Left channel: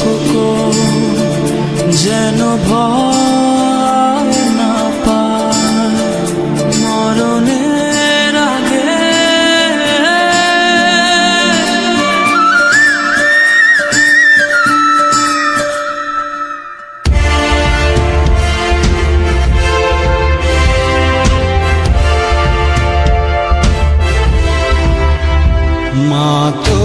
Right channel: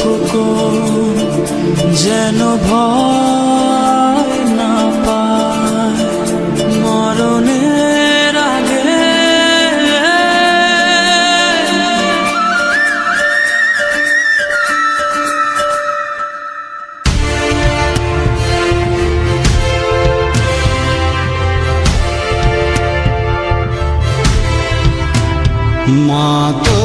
খোকন যেন ভয় না পায়। মরণের আগে মা তো